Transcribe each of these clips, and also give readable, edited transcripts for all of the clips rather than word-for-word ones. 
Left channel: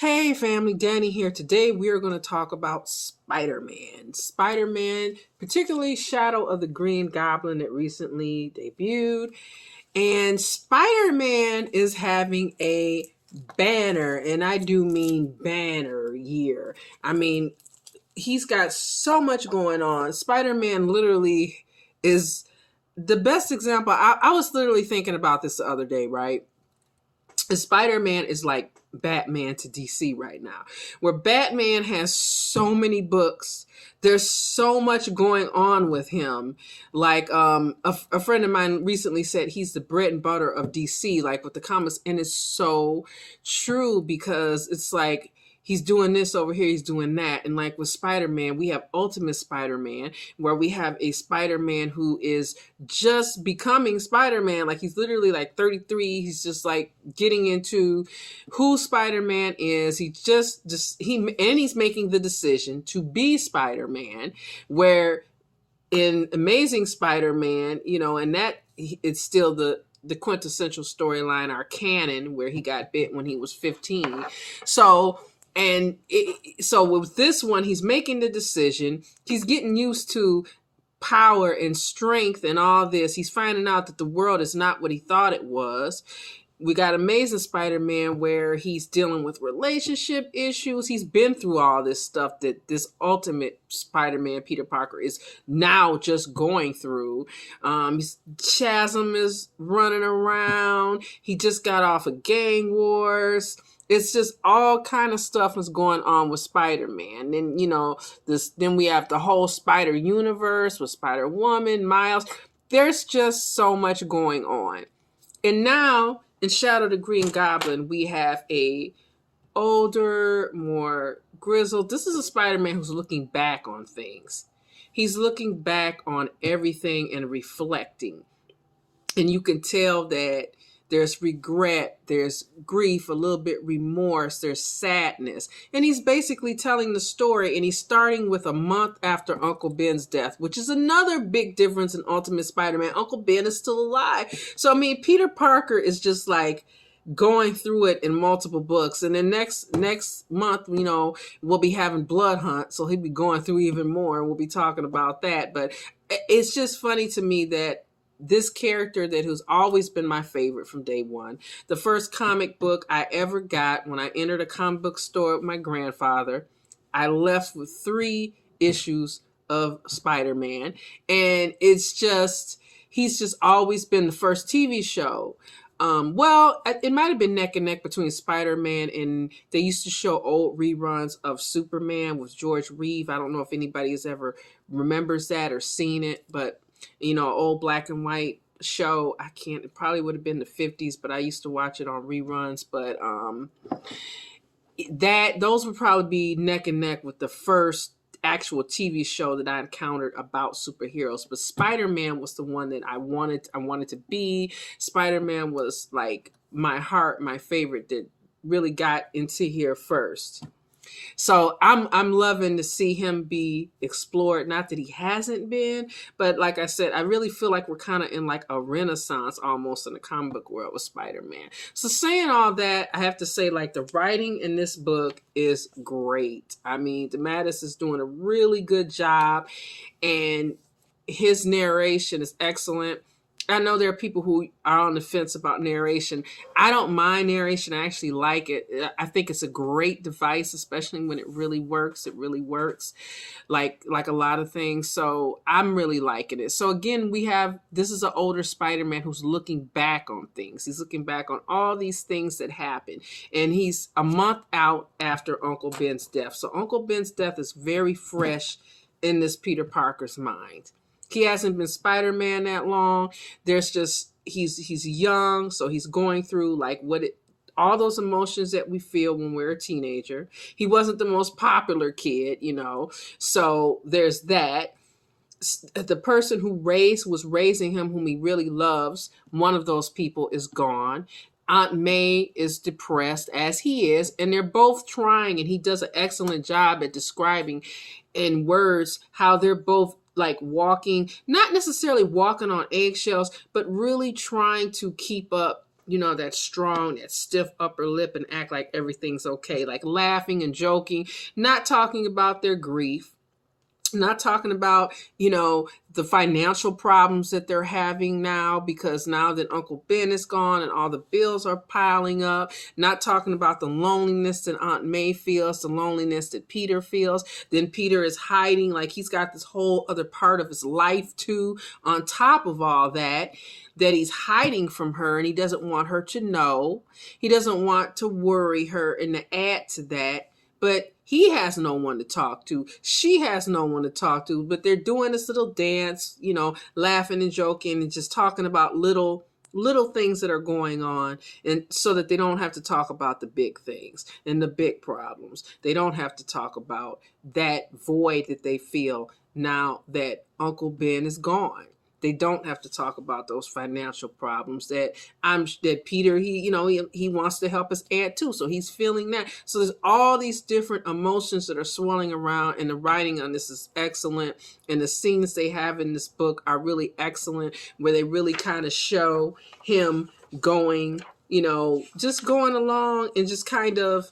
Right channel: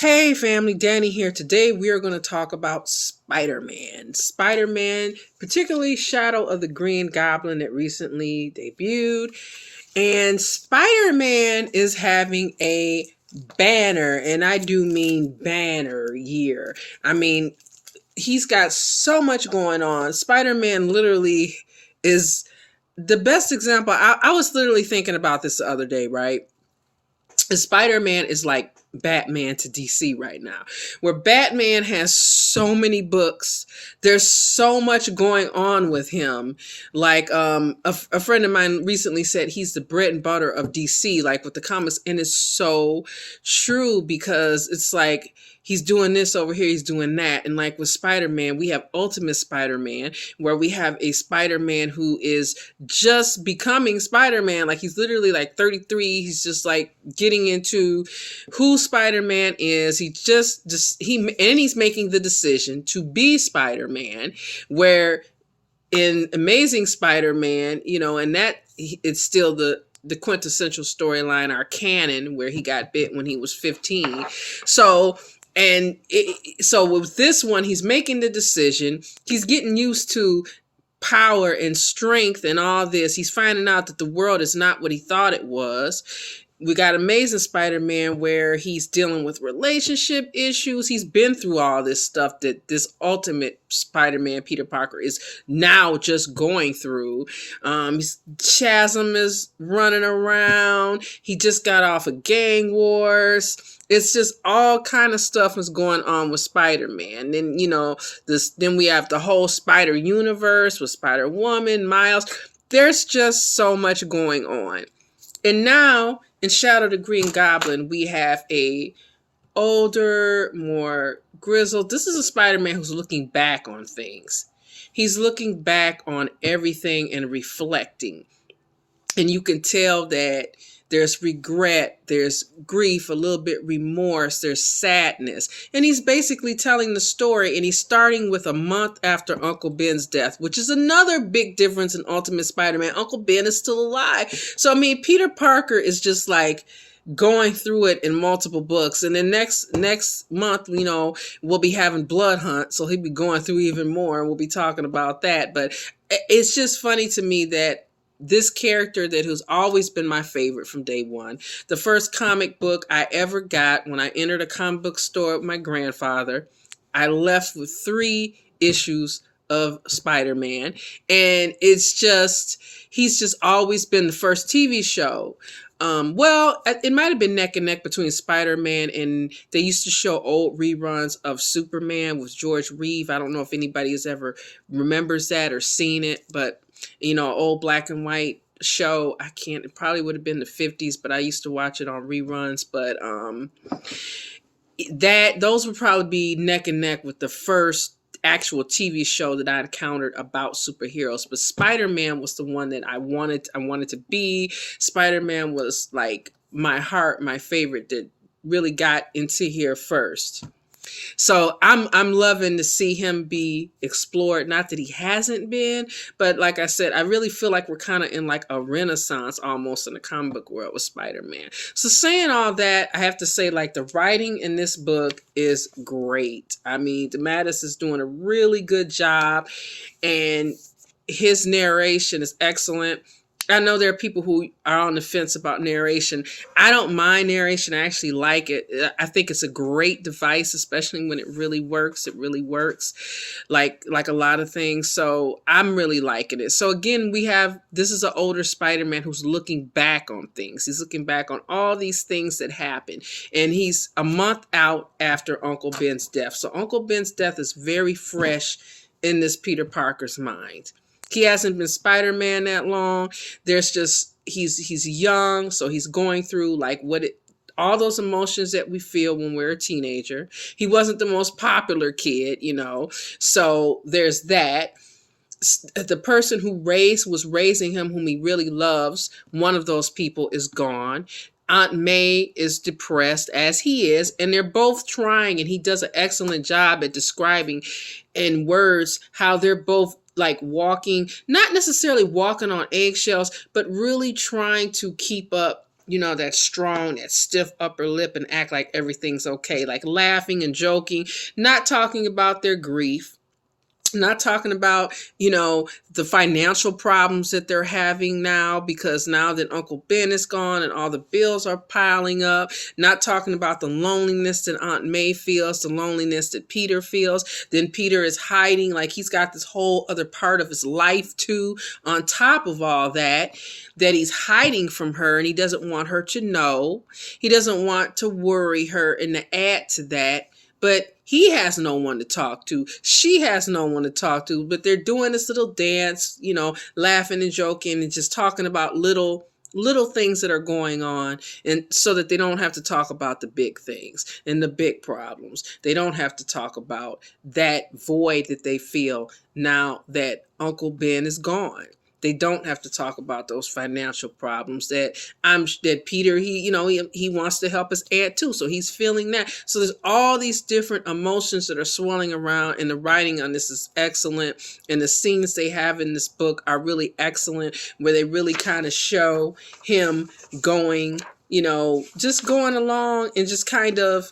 Hey family, Danny here. Today we are going to talk about Spider-Man. Spider-Man, particularly Shadow of the Green Goblin that recently debuted. And Spider-Man is having a banner, and I do mean banner year. I mean, he's got so much going on. Spider-Man literally is the best example. I was literally thinking about this the other day, right? Spider-Man is like Batman to DC right now, where Batman has so many books. There's so much going on with him. Like a friend of mine recently said he's the bread and butter of DC, like with the comics, and it's so true because it's like he's doing this over here, he's doing that. And like with Spider-Man, we have Ultimate Spider-Man, where we have a Spider-Man who is just becoming Spider-Man. Like he's literally like 33. He's just like getting into who Spider-Man is. He's making the decision to be Spider-Man, where in Amazing Spider-Man, and that it's still the quintessential storyline, our canon, where he got bit when he was 15. So with this one, he's making the decision. He's getting used to power and strength and all this. He's finding out that the world is not what he thought it was. We got Amazing Spider-Man where he's dealing with relationship issues. He's been through all this stuff that this Ultimate Spider-Man, Peter Parker, is now just going through. Chasm is running around. He just got off of gang wars. It's just all kind of stuff is going on with Spider-Man. Then, then we have the whole Spider universe with Spider-Woman, Miles. There's just so much going on. And now in Shadow the Green Goblin, we have a older, more grizzled. This is a Spider-Man who's looking back on things. He's looking back on everything and reflecting. And you can tell that there's regret, there's grief, a little bit remorse, there's sadness. And he's basically telling the story, and he's starting with a month after Uncle Ben's death, which is another big difference in Ultimate Spider-Man. Uncle Ben is still alive. So, I mean, Peter Parker is just like going through it in multiple books. And then next month, we'll be having Blood Hunt, so he'll be going through even more, and we'll be talking about that. But it's just funny to me that this character that has always been my favorite from day one. The first comic book I ever got when I entered a comic book store with my grandfather, I left with 3 issues of Spider-Man. And he's just always been the first TV show. Well, it might have been neck and neck between Spider-Man, and they used to show old reruns of Superman with George Reeve. I don't know if anybody has ever remembers that or seen it, but old black and white show. It probably would have been the 50s, but I used to watch it on reruns. But those would probably be neck and neck with the first actual TV show that I encountered about superheroes. But Spider-Man was the one that I wanted to be. Spider-Man was like my favorite that really got into here first. So I'm loving to see him be explored. Not that he hasn't been, but like I said, I really feel like we're kind of in like a renaissance almost in the comic book world with Spider-Man. So saying all that, I have to say like the writing in this book is great. I mean, DeMatteis is doing a really good job, and his narration is excellent. I know there are people who are on the fence about narration. I don't mind narration. I actually like it. I think it's a great device, especially when it really works. It really works like a lot of things. So I'm really liking it. So again, this is an older Spider-Man who's looking back on things. He's looking back on all these things that happened. And he's a month out after Uncle Ben's death. So Uncle Ben's death is very fresh in this Peter Parker's mind. He hasn't been Spider-Man that long. He's young, so he's going through like all those emotions that we feel when we're a teenager. He wasn't the most popular kid, so there's that. The person who was raising him, whom he really loves, one of those people is gone. Aunt May is depressed, as he is, and they're both trying, and he does an excellent job at describing in words how they're both like walking, not necessarily walking on eggshells, but really trying to keep up that strong, that stiff upper lip and act like everything's okay, like laughing and joking, not talking about their grief, not talking about, the financial problems that they're having now because now that Uncle Ben is gone and all the bills are piling up, not talking about the loneliness that Aunt May feels, the loneliness that Peter feels. Then Peter is hiding, like he's got this whole other part of his life too, on top of all that he's hiding from her, and he doesn't want her to know. He doesn't want to worry her, and to add to that, but he has no one to talk to. She has no one to talk to, but they're doing this little dance, laughing and joking and just talking about little things that are going on, and so that they don't have to talk about the big things and the big problems. They don't have to talk about that void that they feel now that Uncle Ben is gone. They don't have to talk about those financial problems that Peter, he wants to help his aunt too. So he's feeling that. So there's all these different emotions that are swirling around, and the writing on this is excellent. And the scenes they have in this book are really excellent, where they really kind of show him going, just going along and just kind of,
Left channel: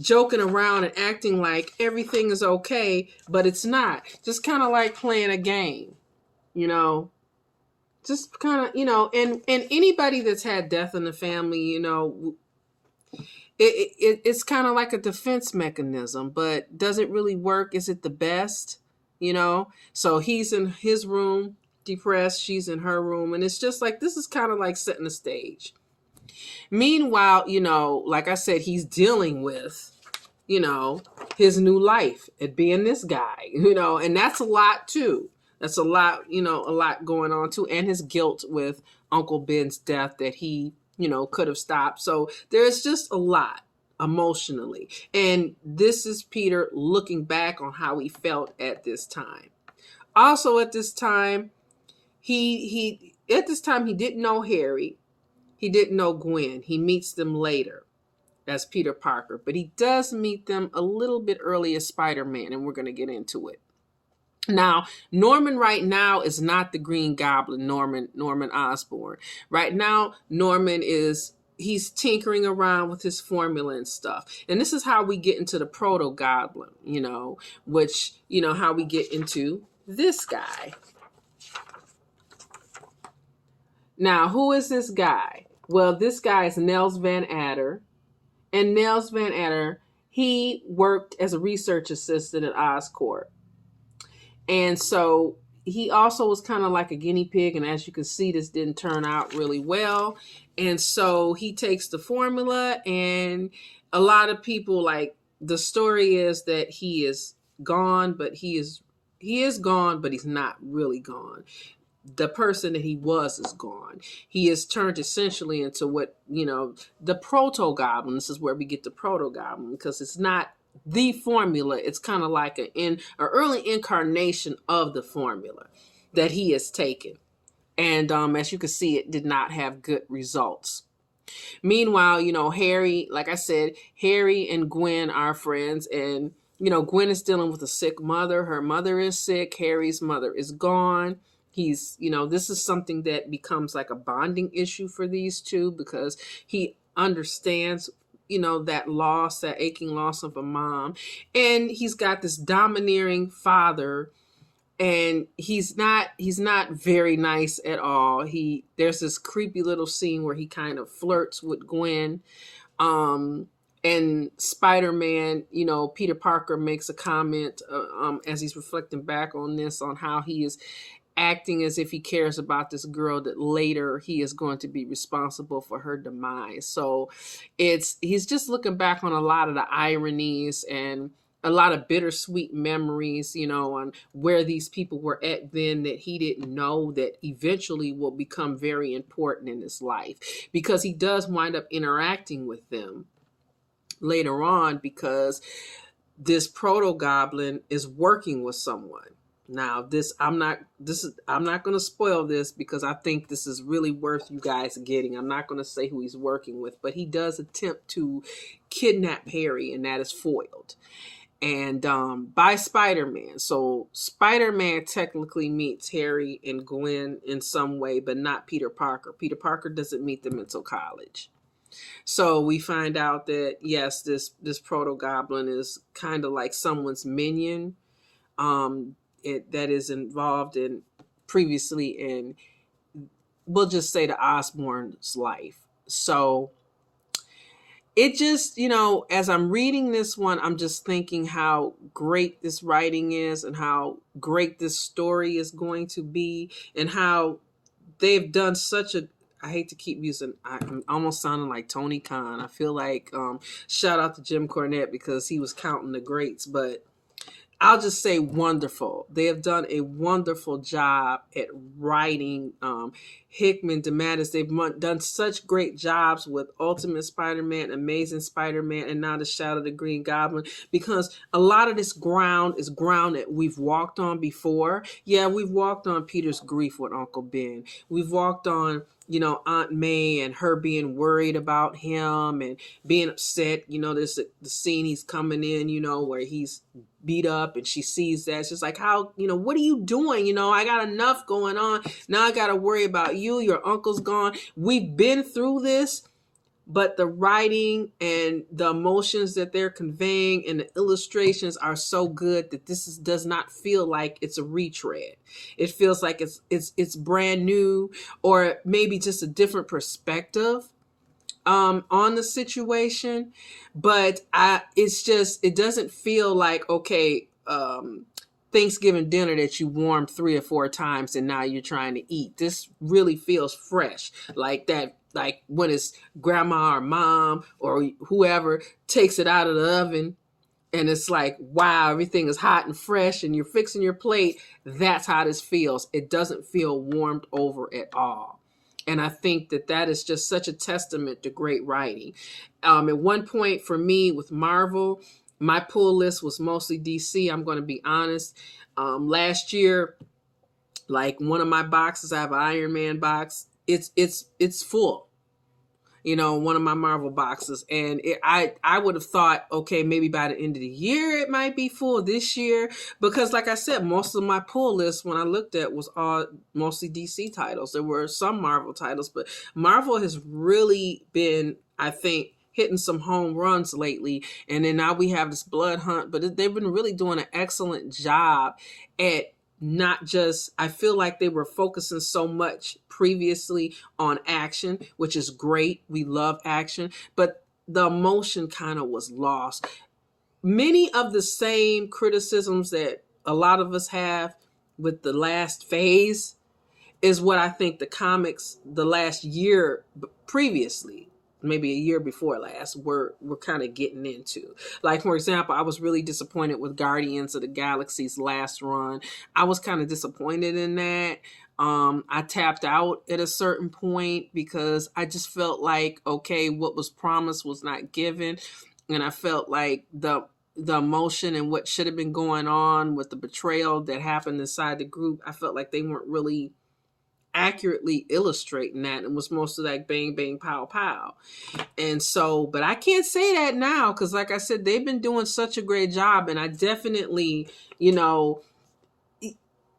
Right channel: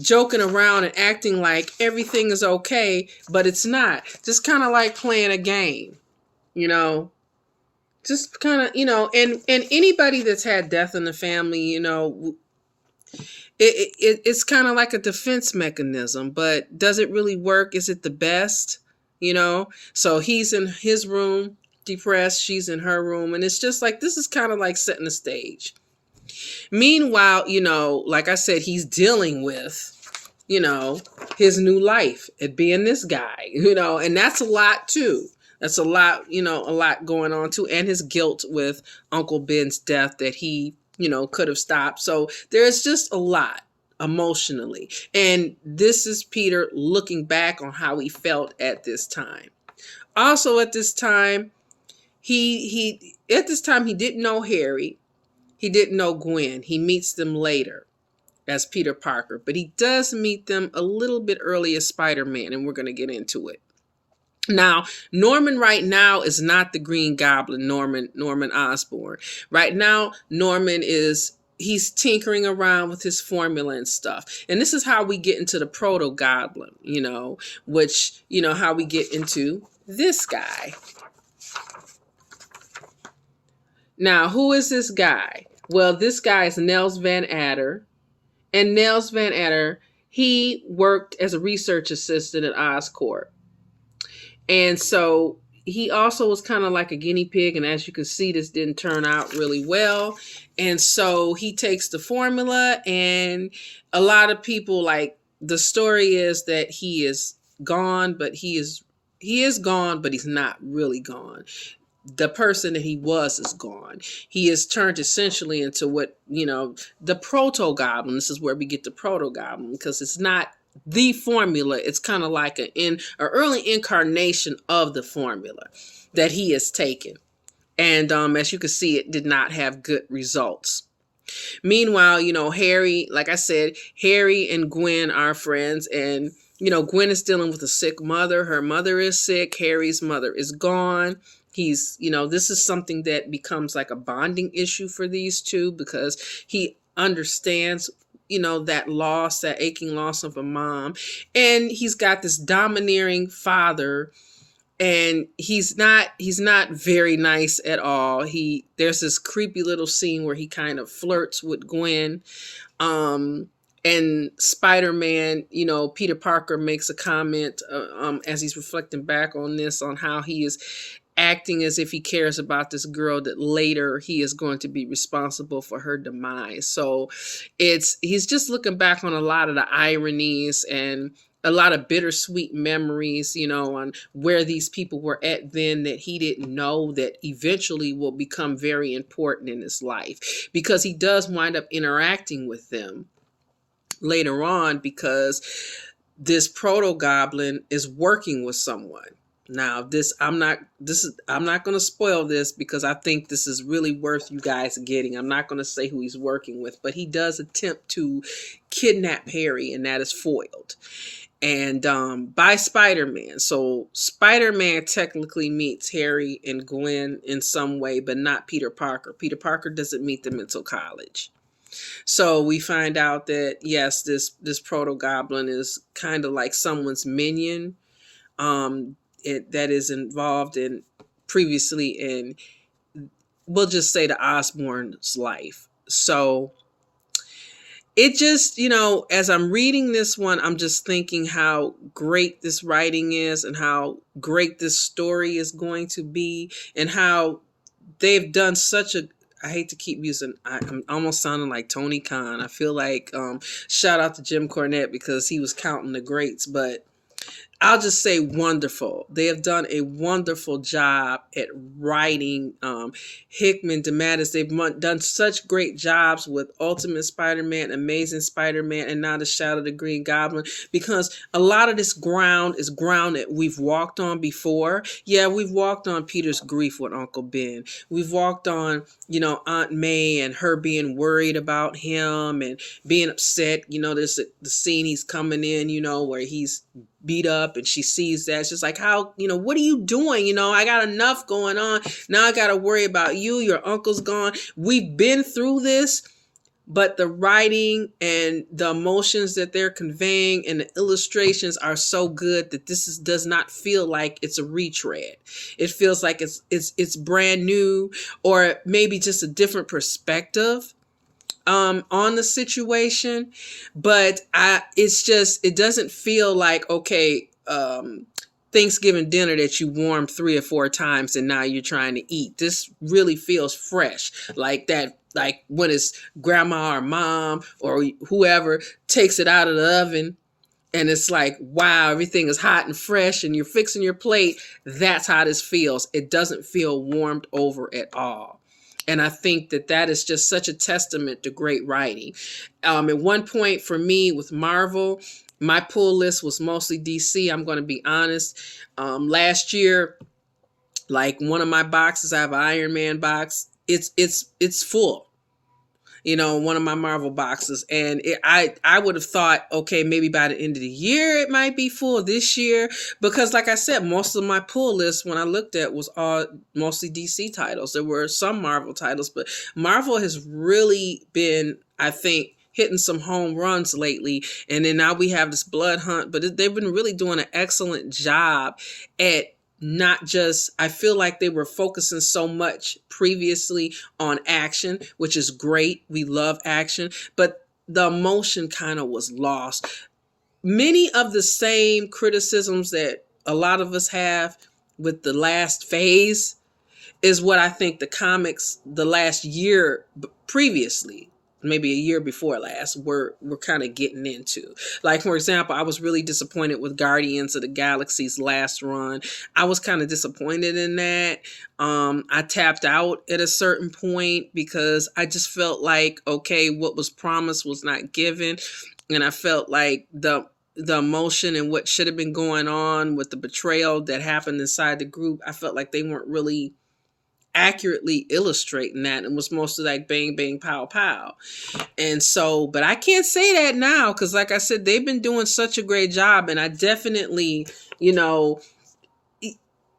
joking around and acting like everything is okay, but it's not. Just kind of like playing a game. Just kind of, and anybody that's had death in the family, it's kind of like a defense mechanism, but does it really work? Is it the best? So he's in his room, depressed, she's in her room, and it's just like, this is kind of like setting the stage. Meanwhile, like I said, he's dealing with, his new life, it being this guy, and that's a lot too. That's a lot, a lot going on too. And his guilt with Uncle Ben's death that he, could have stopped. So there's just a lot emotionally. And this is Peter looking back on how he felt at this time. Also at this time, he didn't know Harry. He didn't know Gwen. He meets them later as Peter Parker. But he does meet them a little bit early as Spider-Man, and we're going to get into it. Now, Norman right now is not the Green Goblin, Norman Osborn. Right now, Norman he's tinkering around with his formula and stuff. And this is how we get into the Proto Goblin, which, how we get into this guy. Now, who is this guy? Well, this guy is Nels Van Adder. And Nels Van Adder, he worked as a research assistant at Oscorp. And so he also was kind of like a guinea pig. And as you can see, this didn't turn out really well. And so he takes the formula, and a lot of people, like, the story is that he is gone, but he is gone, but he's not really gone. The person that he was is gone. He is turned essentially into what, the Proto Goblin. This is where we get the Proto Goblin, because it's not the formula. It's kind of like an early incarnation of the formula that he has taken. And as you can see, it did not have good results. Meanwhile, Harry, like I said, Harry and Gwen are friends, and Gwen is dealing with a sick mother. Her mother is sick. Harry's mother is gone. He's, this is something that becomes like a bonding issue for these two, because he understands that loss, that aching loss of a mom. And he's got this domineering father, and he's not very nice at all. There's this creepy little scene where he kind of flirts with Gwen. And Spider-Man, Peter Parker makes a comment as he's reflecting back on this, on how he is acting as if he cares about this girl that later he is going to be responsible for her demise. So he's just looking back on a lot of the ironies and a lot of bittersweet memories, on where these people were at then that he didn't know that eventually will become very important in his life, because he does wind up interacting with them later on, because this Proto Goblin is working with someone. Now, I'm not going to spoil this, because I think this is really worth you guys getting. I'm not going to say who he's working with, but he does attempt to kidnap Harry, and that is foiled. and by Spider-Man. So Spider-Man technically meets Harry and Gwen in some way, but not Peter Parker. Peter Parker doesn't meet them until college. So we find out that yes, this proto goblin is kind of like someone's minion, that is involved in previously in, we'll just say, the Osborn's life. So it just, as I'm reading this one, I'm just thinking how great this writing is and how great this story is going to be, and how they've done such a, I hate to keep using, I'm almost sounding like Tony Khan. I feel like, shout out to Jim Cornette because he was counting the greats, but I'll just say wonderful. They have done a wonderful job at writing. Hickman, DeMatteis, they've done such great jobs with Ultimate Spider-Man, Amazing Spider-Man, and now the Shadow of the Green Goblin, because a lot of this ground is ground that we've walked on before. Yeah, we've walked on Peter's grief with Uncle Ben. We've walked on, Aunt May and her being worried about him and being upset. There's the scene he's coming in, where he's beat up and she sees that. She's like, how, what are you doing? I got enough going on. Now I got to worry about you. Your uncle's gone. We've been through this, but the writing and the emotions that they're conveying and the illustrations are so good that does not feel like it's a retread. It feels like it's brand new, or maybe just a different perspective on the situation. But it doesn't feel like, okay, Thanksgiving dinner that you warmed 3 or 4 times and now you're trying to eat. This really feels fresh, like that, like when it's grandma or mom or whoever takes it out of the oven and it's like, wow, everything is hot and fresh and you're fixing your plate. That's how this feels. It doesn't feel warmed over at all. And I think that is just such a testament to great writing. At one point for me with Marvel, my pull list was mostly DC. I'm going to be honest. Last year, like one of my boxes, I have an Iron Man box. It's full. One of my Marvel boxes. And I would have thought, okay, maybe by the end of the year, it might be full this year. Because like I said, most of my pull list when I looked at was all mostly DC titles. There were some Marvel titles, but Marvel has really been, I think, hitting some home runs lately. And then now we have this Blood Hunt, but they've been really doing an excellent job at not just, I feel like they were focusing so much previously on action, which is great. We love action, but the emotion kind of was lost. Many of the same criticisms that a lot of us have with the last phase is what I think the comics the last year previously, maybe a year before last, we're kind of getting into. Like, for example, I was really disappointed with Guardians of the Galaxy's last run. I was kind of disappointed in that. I tapped out at a certain point because I just felt like, okay, what was promised was not given. And I felt like the emotion and what should have been going on with the betrayal that happened inside the group, I felt like they weren't really accurately illustrating that, and was mostly like bang bang pow pow. And so, but I can't say that now because like I said, they've been doing such a great job. And I definitely,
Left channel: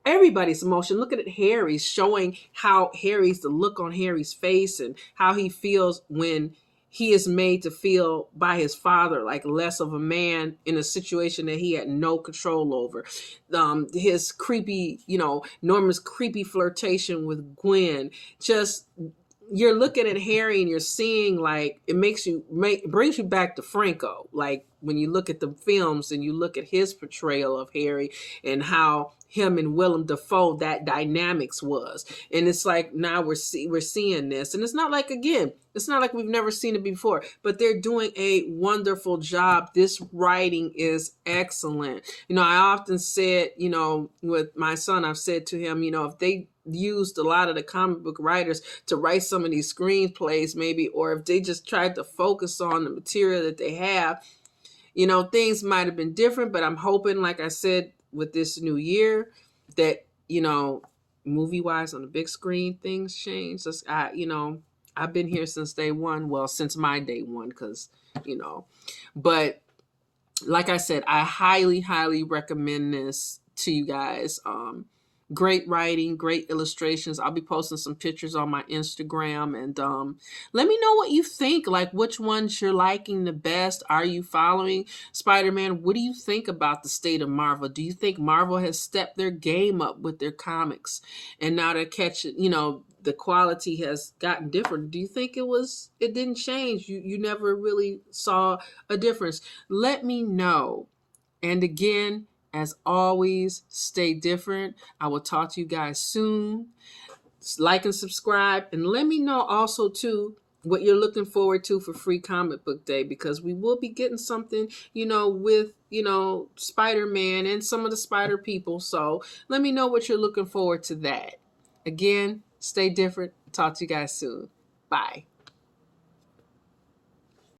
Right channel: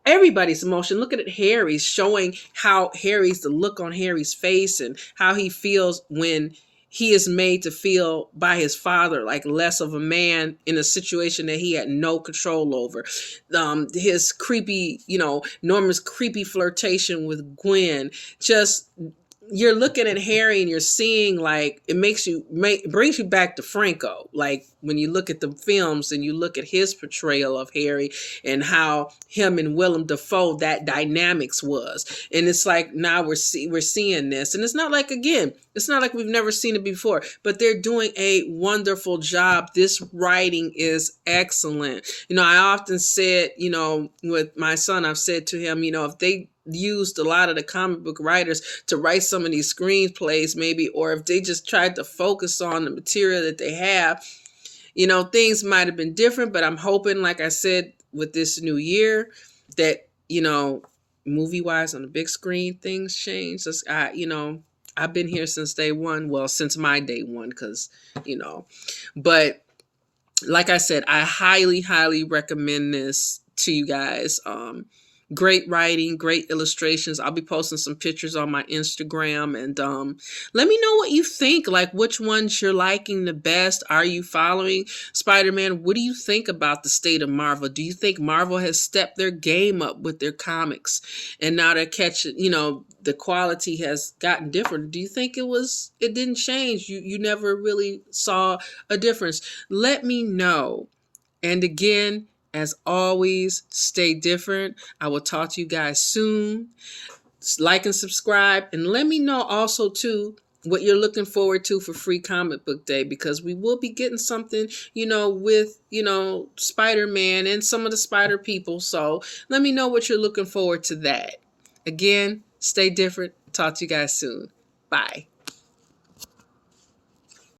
everybody's emotion. Look at Harry's, showing how the look on Harry's face and how he feels when he is made to feel by his father like less of a man in a situation that he had no control over. His creepy, Norman's creepy flirtation with Gwen. Just, you're looking at Harry and you're seeing, like, it brings you back to Franco. Like when you look at the films and you look at his portrayal of Harry and how him and Willem Dafoe, that dynamics was. And it's like now we're seeing this. And it's not like, again, it's not like we've never seen it before, but they're doing a wonderful job. This writing is excellent. I often said, with my son, I've said to him, if they used a lot of the comic book writers to write some of these screenplays maybe, or if they just tried to focus on the material that they have, things might have been different. But I'm hoping, like I said, with this new year that, movie wise on the big screen, things change. I've been here since day one. Well, since my day one, because, but like I said, I highly, highly recommend this to you guys. Great writing, great illustrations. I'll be posting some pictures on my Instagram, and let me know what you think. Like, which ones you're liking the best. Are you following Spider-Man? What do you think about the state of Marvel? Do you think Marvel has stepped their game up with their comics, and now they're catching? The quality has gotten different. Do you think it didn't change? You never really saw a difference? Let me know. And again, as always, stay different. I will talk to you guys soon. Like and subscribe, and let me know also too what you're looking forward to for Free Comic Book Day, because we will be getting something, with, Spider-Man and some of the Spider people. So let me know what you're looking forward to that. Again, stay different. Talk to you guys soon. Bye.